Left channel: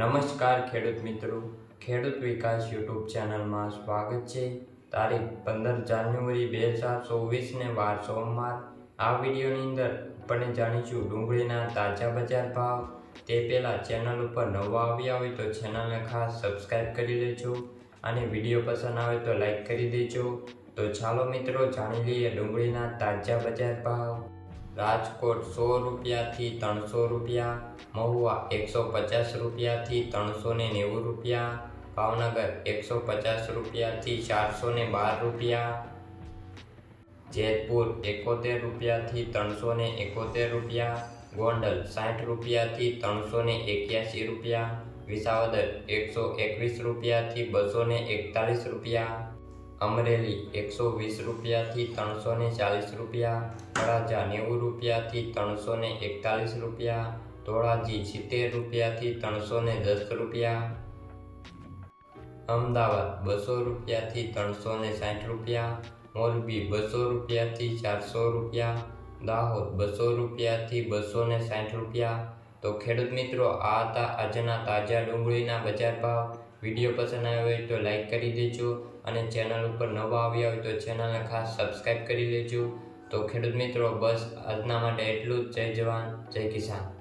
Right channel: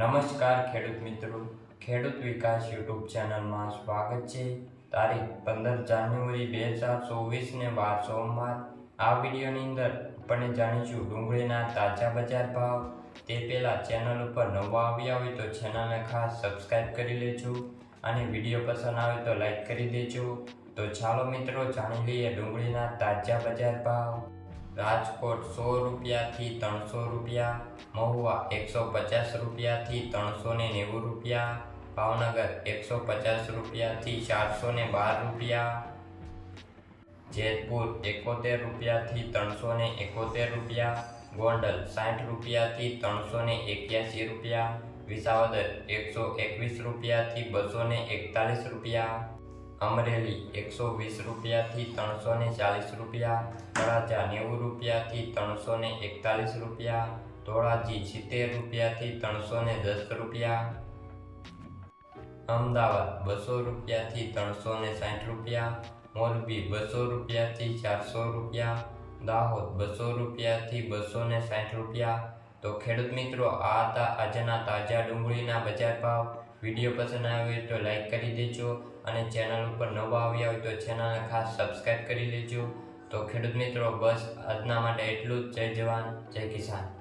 નમસ્કાર ખેડૂત મિત્રો. ખેડૂત વિકાસ યુટ્યુબ ચેનલમાં સ્વાગત છે. તારીખ પંદર જાન્યુઆરી બે હજાર ચોવીસને વાર સોમવાર. આ વિડીયોની અંદર આપણે જાણીશું ડુંગળીના તાજા બજાર ભાવ. તે પહેલાં ચેનલ ઉપર નવા આવ્યા હોય તો ચેનલને ખાસ સબસ્ક્રાઈબ કરી લેજો. અને વીડિયો પસંદ આવે તો લાઈક કરી દેજો. તો ચાલો મિત્રો, જાણી લઈએ ડુંગળીના તાજા બજાર ભાવ. રાજકોટ સો રૂપિયાથી ત્રણસો રૂપિયા, મહુવા એકસો પચાસ રૂપિયાથી ત્રણસો ને નેવું રૂપિયા, ભાવનગર એકસો પચાસ રૂપિયાથી ચારસો ને બાર રૂપિયા, જેતપુર એકોતેર રૂપિયાથી ત્રણસો ને એકોતેર રૂપિયા, ગોંડલ સાઠ રૂપિયાથી ત્રણસો ને એક્યાસી રૂપિયા, વિસાવદર એકસો એકવીસ રૂપિયાથી બસો ને એકતાલીસ રૂપિયા અમરેલી એકસો વીસ રૂપિયાથી ત્રણસો ને ચાલીસ રૂપિયા તળાજા નેવું રૂપિયાથી ત્રણસો ને એકતાલીસ રૂપિયા, ધોળાજી સિત્તેર રૂપિયાથી ત્રણસો ને દસ રૂપિયા, અમદાવાદ બસો રૂપિયાથી ત્રણસો ને સાઠ રૂપિયા, મોરબી બસો રૂપિયાથી ચારસો રૂપિયા, દાહોદ બસો રૂપિયાથી બસો ને સાઠ રૂપિયા. તો ખેડૂત મિત્રો, આ હતા આજના તાજા ડુંગળીના બજાર ભાવ. વીડિયો પસંદ આવ્યો હોય તો લાઈક કરી દેજો અને ચેનલ ઉપર નવા આવ્યા હોય તો ચેનલને ખાસ સબસ્ક્રાઈબ કરી લેજો. તો ખેડૂત મિત્રો, બસ આજના માટે એટલું જ. જય જવાન, જય કિસાન.